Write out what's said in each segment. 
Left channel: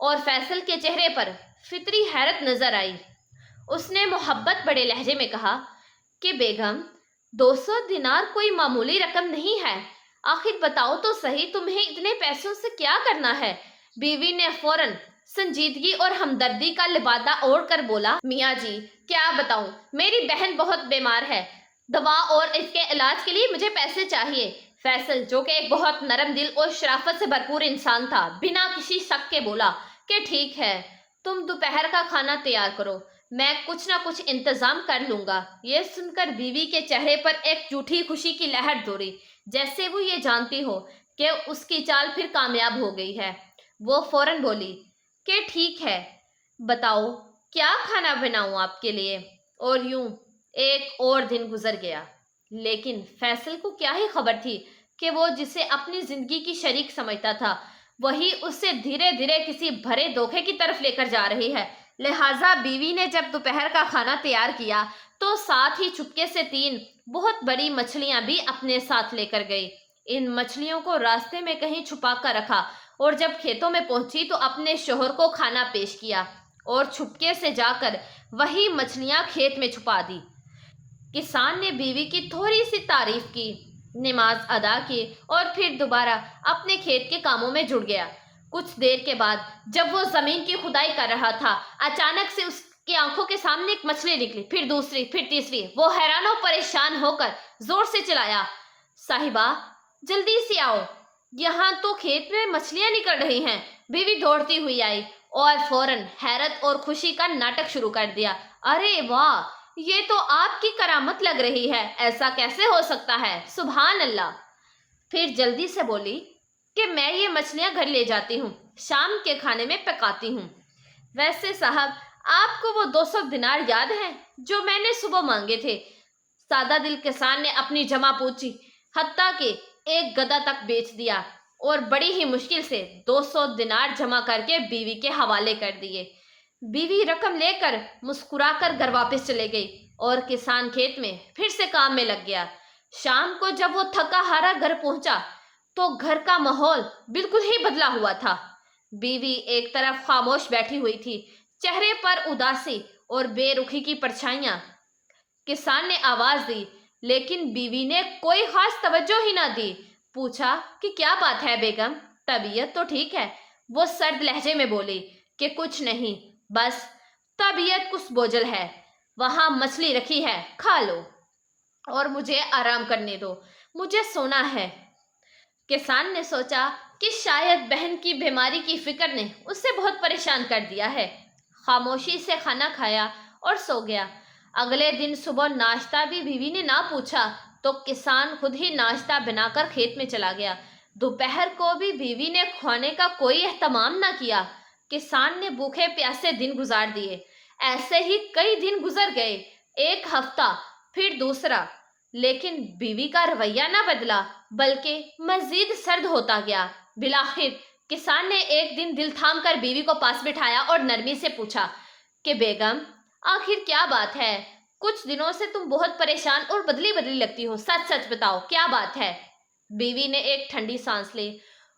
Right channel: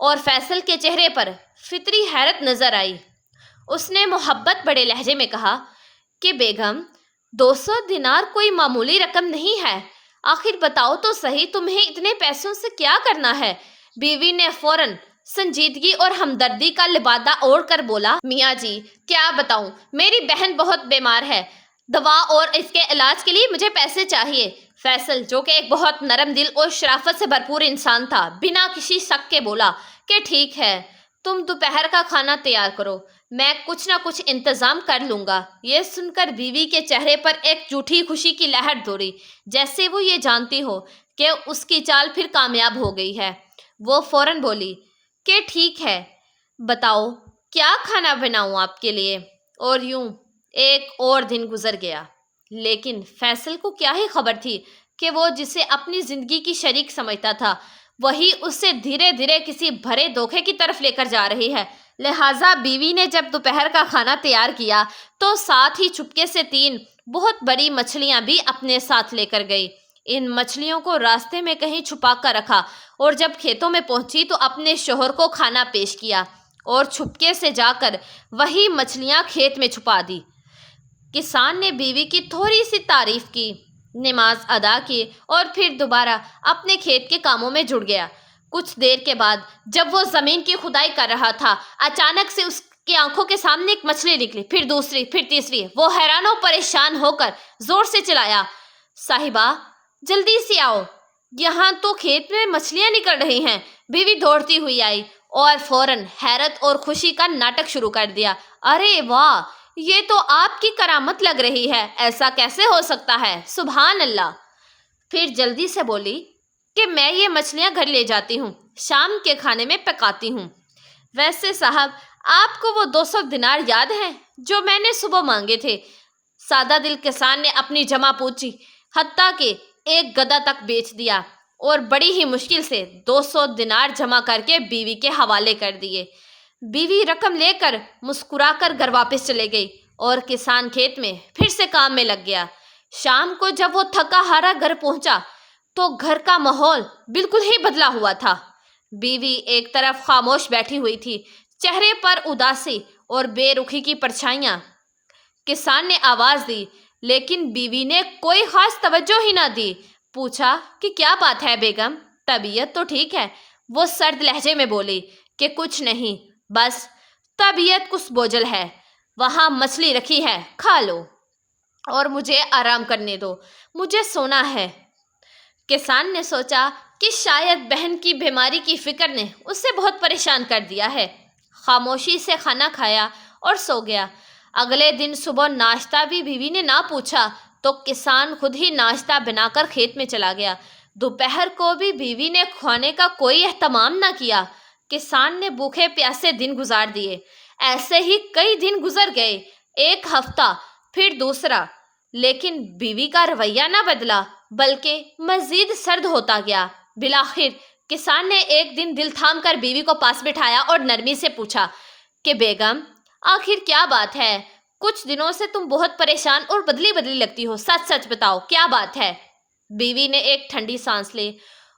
اور فیصل کے چہرے پر فطری حیرت نظر آئی۔ اس نے محبت بڑے لہجے میں کہا کہ بیگم، 200 دینار کوئی معمولی رقم نہیں ہے، آخر بتاؤ تو صحیح تمہیں اتنے پیسوں سے کیا کرنا ہے؟ بیوی نے فوراً سنجیدگی اور ہمدردی کا لبادہ اوڑھ کر بولا، میاں جی کیا بتاؤں، میری بہن بہت بیمار ہے، دوا اور اس کے علاج کے لیے مجھے پیسے چاہیے۔ فیصل جو کہ ایک بہت نرم دل اور شرافت سے بھرپور انسان تھا، بنا کسی شک کے بولا کہ ٹھیک ہے، تم دوپہر کا کھانا تیار کرو، میں کچھ نہ کچھ انتظام کر لوں گا۔ یہ سن کر بیوی کے چہرے پر ایک جھوٹی خوشی کی لہر دوڑی، جیسے وہ یہ جانتی ہو کہ اس کی چال پھر کامیاب ہو گئی ہے۔ وہ فوراً بولی کہ ٹھیک ہے، بتاؤ کیا کھانا بناؤں آپ کے لیے؟ اور یوں ایک اور دن گزر گیا، لیکن فیصل کو کیا ہی خبر تھی کہ وہ جسے اپنی زندگی کی شریک سمجھتا تھا، وہی اس سے دھیرے دھیرے کسی بھرے دھوکے کی طرف لے کر جا رہی ہے۔ لہٰذا بیوی نے جب دوپہر کا کھانا تیار کیا تو ساتھ ہی چپکے سے 3 بہت بڑی مچھلیاں بھی اپنے ساتھ لے کر گئی۔ ان مچھلیوں کو راستے میں کہیں چھپا کر رکھا اور جب کھیتوں میں پہنچی تو اپنے شوہر کو کھانا پیش کیا اور چھپکے سے جا کر وہی مچھلیاں کھیت میں چھپا دی۔ کسان نے بیوی کی تھوڑی سی تعریف کی، نماز ادا کی اور پھر دوبارہ اپنے کھیت کے کاموں میں جڑ گیا۔ کچھ دیر کے بعد جب وہ زمین کی کھدائی کر رہا تھا، اچانک سے اس کی آنکھوں کے سامنے ایک مچھلی نکلی، پھر دوسری، پھر تیسری۔ وہ حیران و پریشان ہو کر زور سے چلایا، صاحبہ جلدی سے آؤ، یہاں تو کھیت میں مچھلیاں نکل رہی ہیں۔ بیوی دوڑتی ہوئی آئی اور فوراً حیرت اور خوشی کا ناٹک شروع کر دیا۔ ارے واہ، یہ تو آپ کی کرامت لگ رہی ہے، ایسا کیسے ہو سکتا ہے؟ سبحان اللہ۔ پھر جلدی سے بولی کہ میں یہ مچھلیاں گھر لے جاتی ہوں، شام کے کھانے میں پکاتی ہوں۔ ویسے صاحب، آپ کو وہ 200 دینار یاد ہیں جو میں نے صبح مانگے تھے؟ سادہ دل کسان نے اپنی جمع پوچھی حتیٰ کہ ایک گدھا تک بیچ دیا اور بڑی ہی مشکل سے 200 دینار جمع کر کے بیوی کے حوالے کر دیے۔ بیوی رقم لے کر مسکرا کر گھر واپس چلے گئی اور کسان کھیت میں پھر سے کام میں لگ گیا۔ شام کو جب وہ تھکا ہارا گھر پہنچا تو گھر کا ماحول بالکل ہی بدلا ہوا تھا۔ بیوی ایک طرف خاموش بیٹھی ہوئی تھی، چہرے پر اداسی اور بے رخی کی پرچھائیاں۔ کسان نے آواز دی لیکن بیوی نے کوئی خاص توجہ ہی نہ دی۔ پوچھا کہ کیا بات ہے بیگم، طبیعت تو ٹھیک ہے؟ وہ سرد لہجے میں بولی کہ کچھ نہیں، بس طبیعت کچھ بوجھل ہے۔ وہاں مچھلی رکھی ہے، کھا لو اور مجھے آرام کرنے دو، مجھے سونا ہے۔ کسان نے سوچا کہ شاید بہن کی بیماری کی فکر نے اسے بہت پریشان کر دیا ہے۔ خاموشی سے کھانا کھایا اور سو گیا۔ اگلے دن صبح ناشتہ بھی بیوی نے نہ پوچھا تو کسان خود ہی ناشتہ بنا کر کھیت میں چلا گیا۔ دوپہر کو بھی بیوی نے کھانے کا کوئی اہتمام نہ کیا۔ کسان نے بھوکے پیاسے دن گزار دیے۔ ایسے ہی کئی دن گزر گئے، ایک ہفتہ، پھر دوسرا، لیکن بیوی کا رویہ نہ بدلا بلکہ مزید سرد ہوتا گیا۔ بالآخر کسان نے ایک دن دل تھام کر بیوی کو پاس بٹھایا اور نرمی سے پوچھا کہ بیگم آخر کیا بات ہے؟ کچھ دنوں سے تم بہت پریشان اور بدلی بدلی لگتی ہو، سچ سچ بتاؤ کیا بات ہے؟ بیوی نے ایک ٹھنڈی سانس لی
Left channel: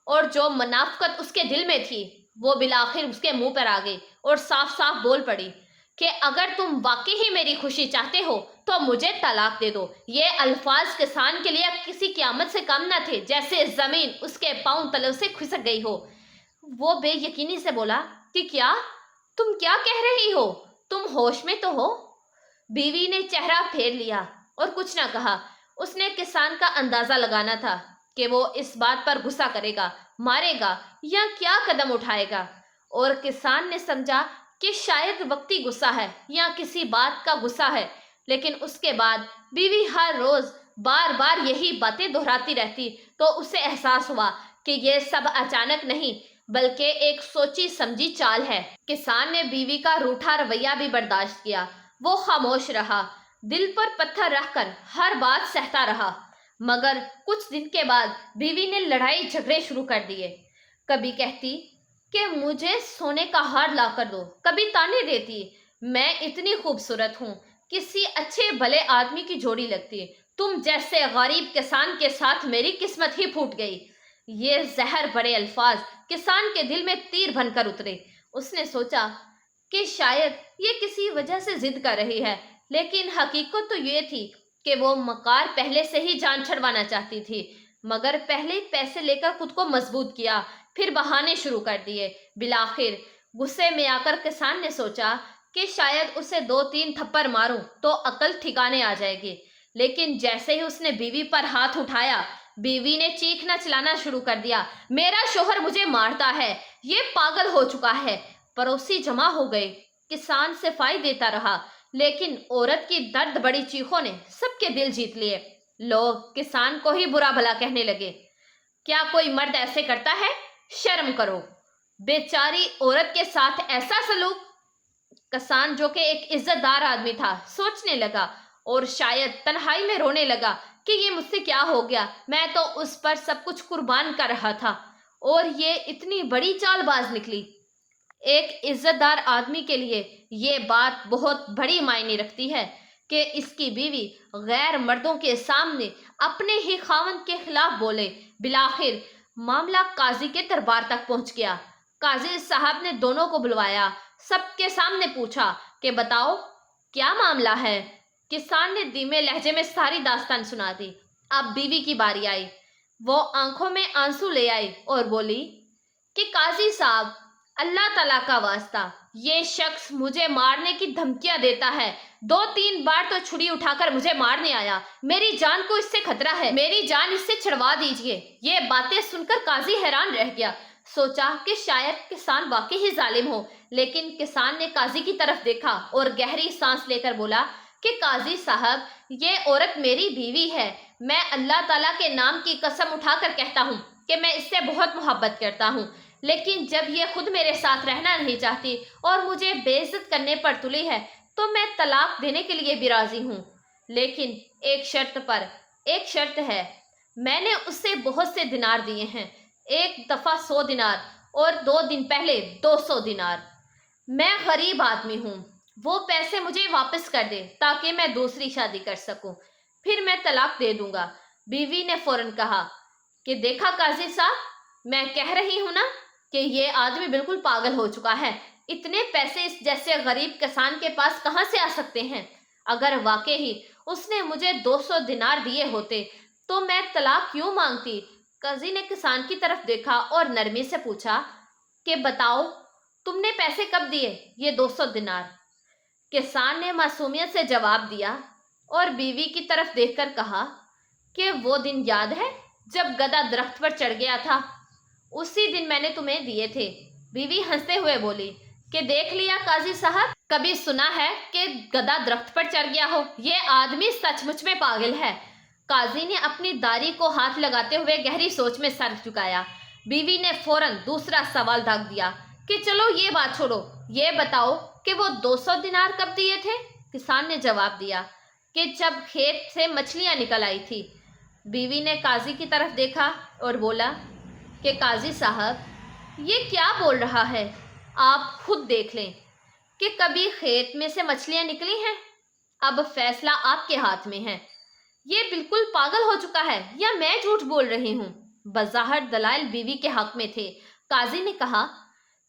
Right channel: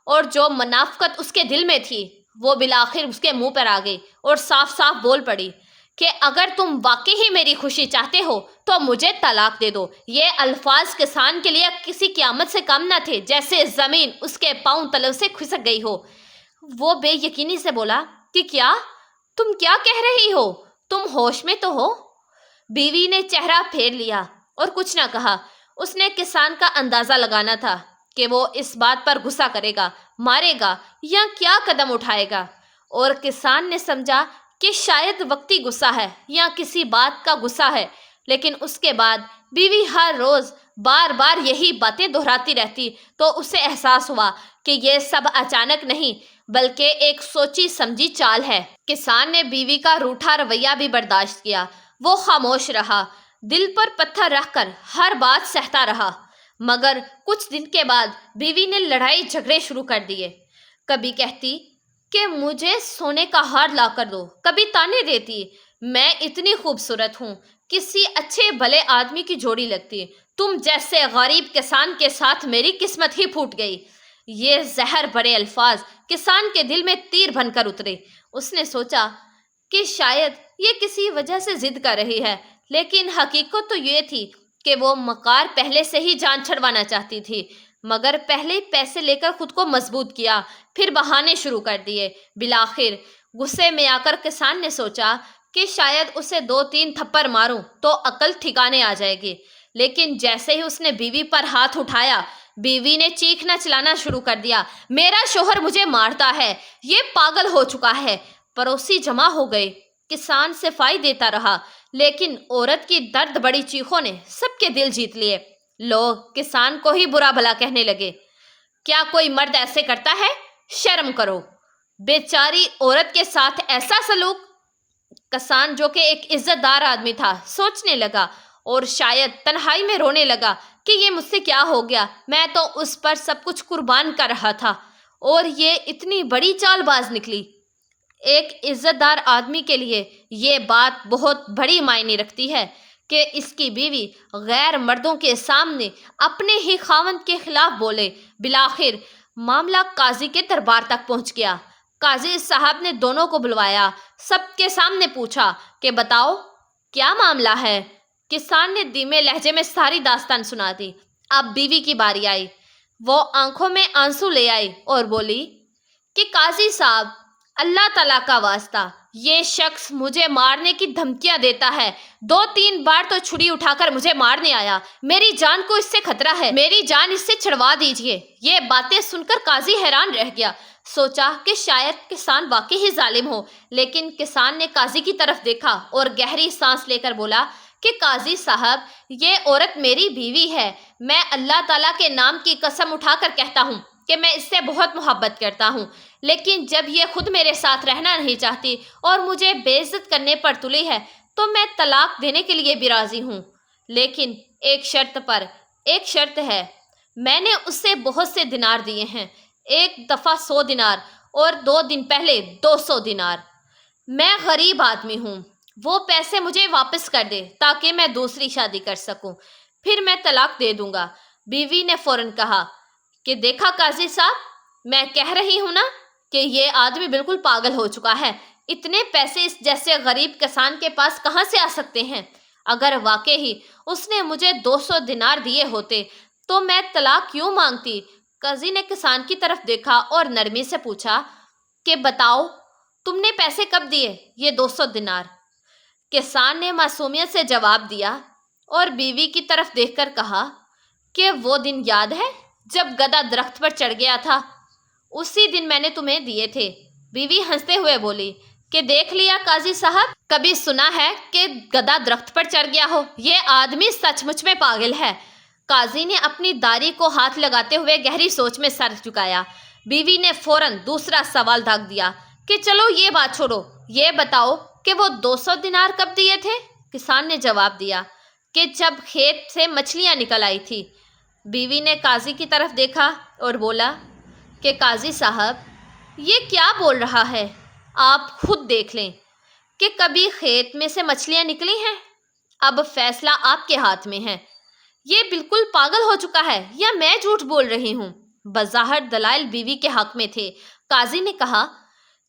اور جو منافقت اس کے دل میں تھی وہ بالآخر اس کے منہ پر آ گئی اور صاف صاف بول پڑی کہ اگر تم واقعی ہی میری خوشی چاہتے ہو تو مجھے طلاق دے دو۔ یہ الفاظ کسان کے لیے کسی قیامت سے کم نہ تھے، جیسے زمین اس کے پاؤں تلوں سے کھسک گئی ہو۔ وہ بے یقینی سے بولا کہ کیا تم کیا کہہ رہی ہو؟ تم ہوش میں تو ہو؟ بیوی نے چہرہ پھیر لیا اور کچھ نہ کہا۔ اس نے کسان کا اندازہ لگانا تھا کہ وہ اس بات پر غصہ کرے گا، مارے گا یا کیا قدم اٹھائے گا، اور کسان نے سمجھا کہ شاید وقتی غصہ ہے یا کسی بات کا غصہ ہے، لیکن اس کے بعد بیوی ہر روز بار بار یہی باتیں دہراتی رہتی تو اسے احساس ہوا کہ یہ سب اچانک نہیں بلکہ ایک سوچی سمجھی چال ہے۔ کسان نے بیوی کا روٹھا رویہ بھی برداشت کیا۔ وہ خاموش رہا، دل پر پتھر رکھ کر ہر بات سہتا رہا، مگر کچھ دن کے بعد بیوی نے لڑائی جھگڑے شروع کر دیے۔ کبھی کہتی کہ مجھے سونے کا ہار لا کر دو، کبھی طعنے دیتی میں اتنی خوبصورت ہوں، کسی اچھے بھلے آدمی کی جوڑی لگتی، تم جیسے غریب کسان کے ساتھ میری قسمت ہی پھوٹ گئی۔ یہ زہر بڑے الفاظ کسان کے دل میں تیر بن کر اترے۔ اس نے سوچا کہ شاید یہ کسی وجہ سے ضد کر رہی ہے، لیکن حقیقت تو یہ تھی کہ وہ مکار پہلے سے ہی جان چھڑوانا چاہتی تھی، مگر پہلے پیسے لے کر خود کو مضبوط کیا، پھر بہانے شروع کر دیے۔ بالآخر غصے میں آ کر کسان نے سوچا کہ شاید اسے 2-3 تھپڑ ماروں تو عقل ٹھکانے آ جائے گی، لیکن جیسے ہی اس نے بیوی پر ہاتھ اٹھایا، بیوی نے چیخنا چلانا شروع کر دیا، میرا شوہر مجھے مارتا ہے، یہ پاگل ہو چکا ہے۔ پڑوسی جمع ہو گئے، کسان صفائی دیتا رہا، لیکن عورت کی درد بڑی چیخوں نے سب کے دل جیت لیے۔ لوگ کسان کو ہی برا بھلا کہنے لگے، کیا کوئی مرد ایسے کرتا ہے؟ شرم کرو، بیچاری عورت کے ساتھ ایسا سلوک۔ کسان جو کہ ایک عزت دار آدمی تھا سوچنے لگا اور شاید تنہائی میں رونے لگا کہ یہ مجھ سے کیا ہو گیا، میں تو اس پر سب کچھ قربان کر رہا تھا اور یہ اتنی بڑی چال باز نکلی۔ ایک عزت دار آدمی کے لیے یہ بات بہت بڑی معنی رکھتی ہے کہ اس کی بیوی غیر مردوں کے سامنے اپنے ہی خاوند کے خلاف بولے۔ بالآخر معاملہ قاضی کے دربار تک پہنچ گیا۔ قاضی صاحب نے دونوں کو بلوایا، سب کے سامنے پوچھا کہ بتاؤ کیا معاملہ ہے۔ کسان نے دھیمے لہجے میں ساری داستان سنا دی۔ اب بیوی کی باری آئی، وہ آنکھوں میں آنسو لے آئی اور بولی کہ قاضی صاحب، اللہ تعالیٰ کا واسطہ، یہ شخص مجھے مارنے کی دھمکیاں دیتا ہے، 2-3 بار تو چھری اٹھا کر مجھے مارنے آیا، میری جان کو اس سے خطرہ ہے، میری جان اس سے چھڑوا دیجیے۔ یہ باتیں سن کر قاضی حیران رہ گیا، سوچا کہ شاید کسان واقعی ہی ظالم ہو، لیکن کسان نے قاضی کی طرف دیکھا اور گہری سانس لے کر بولا کہ قاضی صاحب، یہ عورت میری بیوی ہے، میں اللہ تعالیٰ کے نام کی قسم اٹھا کر کہتا ہوں کہ میں اس سے بہت محبت کرتا ہوں، لیکن جب یہ خود میرے ساتھ رہنا نہیں چاہتی اور مجھے بے عزت کرنے پر تلی ہے تو میں طلاق دینے کے لیے بھی راضی ہوں، لیکن ایک شرط پر۔ ایک شرط ہے، میں نے اس سے بہت سے دینار دیے ہیں، ایک دفعہ 100 دینار اور 2 دن پہلے 200 دینار۔ میں غریب آدمی ہوں، وہ پیسے مجھے واپس کر دے تاکہ میں دوسری شادی کر سکوں، پھر میں طلاق دے دوں گا۔ بیوی نے فوراً کہا کہ دیکھا قاضی صاحب، میں کہہ رہی ہوں نا کہ یہ آدمی بالکل پاگل ہو چکا ہے، اتنے پیسے اس جیسے غریب کسان کے پاس کہاں سے آ سکتے ہیں؟ اگر واقعی اس نے مجھے 200 دینار دیے ہوتے تو میں طلاق کیوں مانگتی؟ قاضی نے کسان کی طرف دیکھا اور نرمی سے پوچھا کہ بتاؤ تم نے پیسے کب دیے یہ 200 دینار؟ کسان نے معصومیت سے جواب دیا اور بیوی کی طرف دیکھ کر کہا کہ وہ دن یاد ہے جب گدھا درخت پر چڑھ گیا تھا، اسی دن میں نے تمہیں دیے تھے۔ بیوی ہنستے ہوئے بولی کہ دیکھ لیا قاضی صاحب، کبھی سنا ہے کہ گدھا درخت پر چڑھ گیا ہو؟ یہ آدمی سچ مچ میں پاگل ہے۔ قاضی نے اپنی داڑھی کو ہاتھ لگاتے ہوئے گہری سوچ میں سر جھکایا۔ بیوی نے فوراً دوسرا سوال داغ دیا کہ چلو یہ بات چھوڑو، یہ بتاؤ کہ وہ 200 دینار کب دیے تھے؟ کسان نے جواب دیا کہ جب کھیت سے مچھلیاں نکل آئی تھی۔ بیوی نے قاضی کی طرف دیکھا اور بولا کہ قاضی صاحب، یہ کیا بول رہا ہے؟ آپ خود دیکھ لیں کہ کبھی کھیت میں سے مچھلیاں نکلی ہیں؟ اب فیصلہ آپ کے ہاتھ میں ہے، یہ بالکل پاگل ہو چکا ہے یا میں جھوٹ بول رہی ہوں؟ بظاہر دلائل بیوی کے حق میں تھے۔ قاضی نے کہا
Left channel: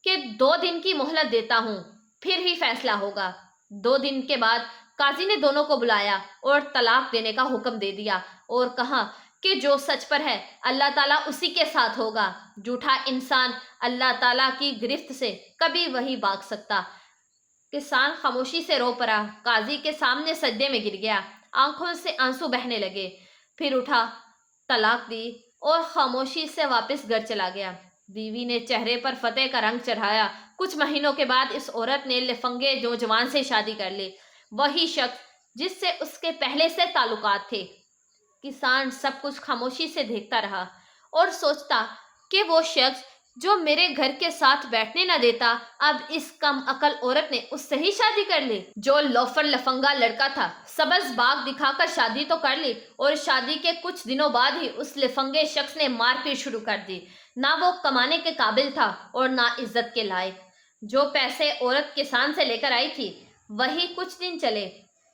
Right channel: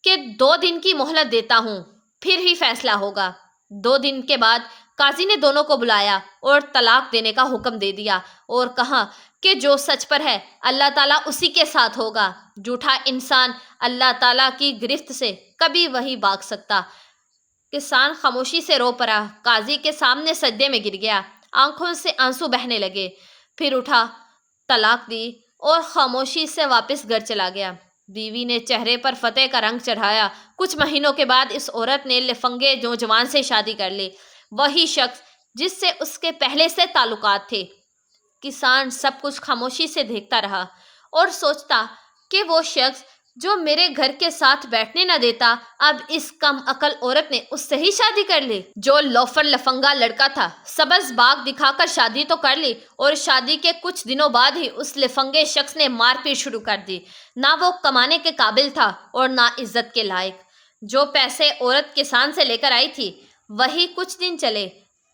کہ 2 دن کی مہلت دیتا ہوں، پھر ہی فیصلہ ہوگا۔ 2 دن کے بعد قاضی نے دونوں کو بلایا اور طلاق دینے کا حکم دے دیا اور کہا کہ جو سچ پر ہے اللہ تعالیٰ اسی کے ساتھ ہوگا، جھوٹا انسان اللہ تعالیٰ کی گرفت سے کبھی وہی بھاگ سکتا۔ کسان خاموشی سے رو پڑا، قاضی کے سامنے سجدے میں گر گیا، آنکھوں سے آنسو بہنے لگے، پھر اٹھا، طلاق دی اور خاموشی سے واپس گھر چلا گیا۔ بیوی نے چہرے پر فتح کا رنگ چڑھایا۔ کچھ مہینوں کے بعد اس عورت نے لفنگے نوجوان سے شادی کر لی، وہی شخص جس سے اس کے پہلے سے تعلقات تھے۔ کسان سب کچھ خاموشی سے دیکھتا رہا اور سوچتا کہ وہ شخص جو میرے گھر کے ساتھ بیٹھنے نہ دیتا، اب اس کم عقل عورت نے اس سے ہی شادی کر لی۔ جو لوفر لفنگا لڑکا تھا، سبز باغ دکھا کر شادی تو کر لی اور شادی کے کچھ دنوں بعد ہی اس لفنگے شخص نے مار پیٹ شروع کر دی۔ نہ وہ کمانے کے قابل تھا اور نہ عزت کے لائق۔ جو پیسے عورت کسان سے لے کر آئی تھی وہی کچھ دن چلے،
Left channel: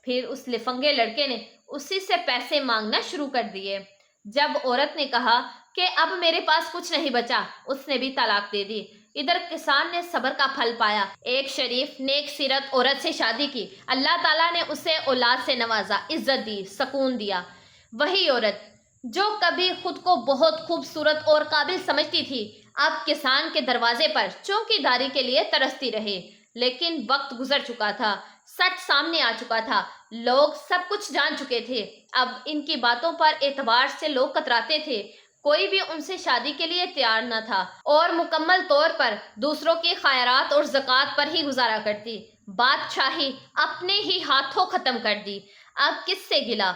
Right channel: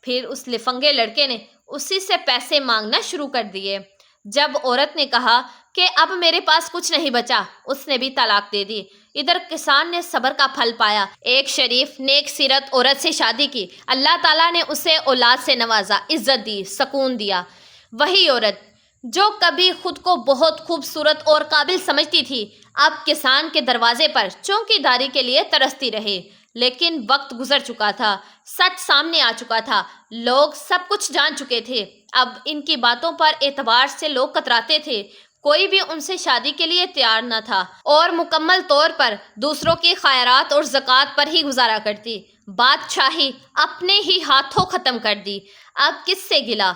پھر اس لفنگے لڑکے نے اسی سے پیسے مانگنا شروع کر دیے۔ جب عورت نے کہا کہ اب میرے پاس کچھ نہیں بچا، اس نے بھی طلاق دے دی۔ ادھر کسان نے صبر کا پھل پایا، ایک شریف نیک سیرت عورت سے شادی کی، اللہ تعالیٰ نے اسے اولاد سے نوازا، عزت دی، سکون دیا۔ وہی عورت جو کبھی خود کو بہت خوبصورت اور قابل سمجھتی تھی، اب کسان کے دروازے پر چوکی داری کے لیے ترستی رہی۔ لیکن وقت گزر چکا تھا، سچ سامنے آ چکا تھا، لوگ سب کچھ جان چکے تھے۔ اب ان کی باتوں پر اعتبار سے لوگ کتراتے تھے، کوئی بھی ان سے شادی کے لیے تیار نہ تھا اور مکمل طور پر دوسروں کے خیرات اور زکوٰۃ پر ہی گزارا کرتی۔ بادشاہی اپنے ہی ہاتھوں ختم کر دی، اب کس سے گلا؟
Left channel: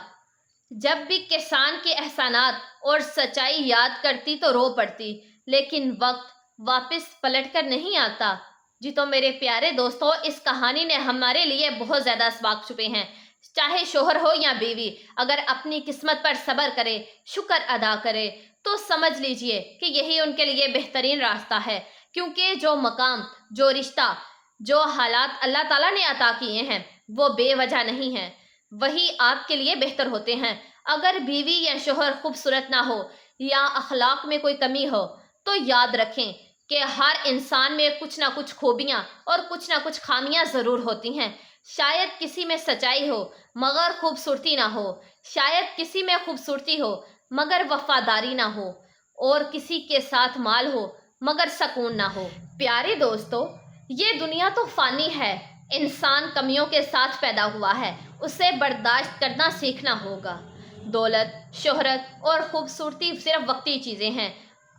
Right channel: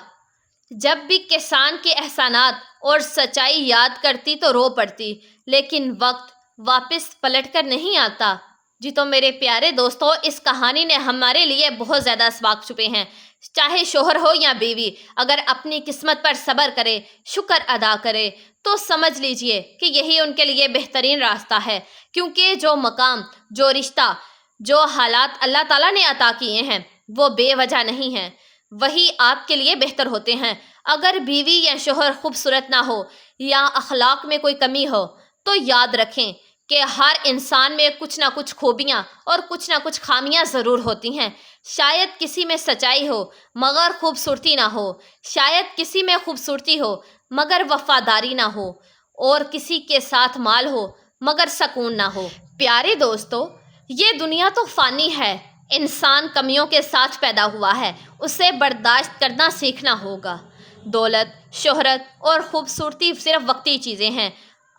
جب بھی کسان کے احسانات اور سچائی یاد کرتی تو رو پڑتی، لیکن وقت واپس پلٹ کر نہیں آتا۔ جی تو میرے پیارے دوستو، اس کہانی نے ہمارے لیے بہت زیادہ اسباق چھپے ہیں۔ چاہے شوہر ہو یا بیوی، اگر اپنی قسمت پر صبر کرے، شکر ادا کرے، تو سمجھ لیجئے کہ یہی ان کے لیے بہترین راستہ ہے، کیونکہ جو مقام، جو رشتہ، جو حالات اللہ تعالیٰ نے عطا کیے ہیں وہ بے وجہ نہیں ہیں، وہی آپ کے لیے بہتر ہوتے ہیں۔ اگر بیوی یا شوہر خوبصورت نہ ہو یا اخلاق میں کوئی کمی ہو تو یاد رکھیں کہ ہر انسان میں کچھ نہ کچھ خوبیاں اور کچھ نہ کچھ خامیاں ضرور ہوتی ہیں۔ شاید کسی میں سچائی ہو مگر خوبصورتی نہ ہو، شاید کسی میں خوبصورتی ہو مگر وفاداری نہ ہو، اور کسی کے ساتھ مال ہو مگر سکون نہ ہو۔ پیارے دوستو، یہ دنیا تو فانی ہے، انسان کمیوں کے ساتھ پیدا ہوا ہے، اسے برداشت کرنا سیکھنا ہوگا۔ دولت، شہرت اور خوبصورتی صرف وقتی چیزیں ہیں،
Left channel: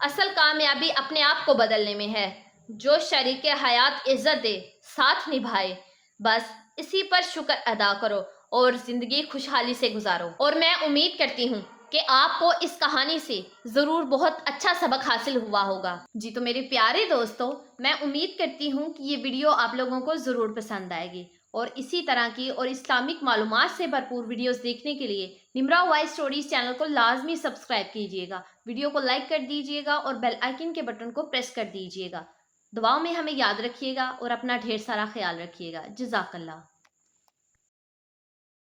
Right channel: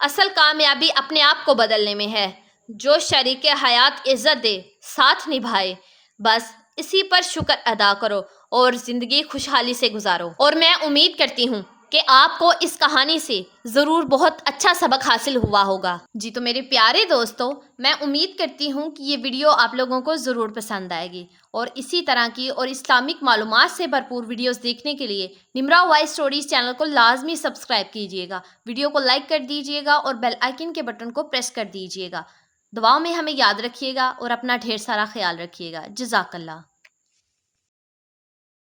اصل کامیابی اپنے آپ کو بدلنے میں ہے۔ جو شریک حیات عزت دے، ساتھ نبھائے، بس اسی پر شکر ادا کرو اور زندگی خوشحالی سے گزارو۔ اور میں امید کرتی ہوں کہ آپ کو اس کہانی سے ضرور بہت اچھا سبق حاصل ہوا ہوگا۔ جی تو میرے پیارے دوستو، میں امید کرتی ہوں کہ یہ ویڈیو آپ لوگوں کو ضرور پسند آئے گی، اور اسی طرح کی اور اسلامک معلومات سے بھرپور ویڈیوز دیکھنے کے لیے نمرا وائس اسٹوریز چینل کو لازمی سبسکرائب کیجیے گا، ویڈیو کو لائک کر دیجیے گا اور بیل آئیکن کے بٹن کو پریس کر دیجیے گا۔ دعاؤں میں ہمیں یاد رکھیے گا اور اپنا ڈھیر سارا خیال رکھیے گا۔ جزاک اللہ۔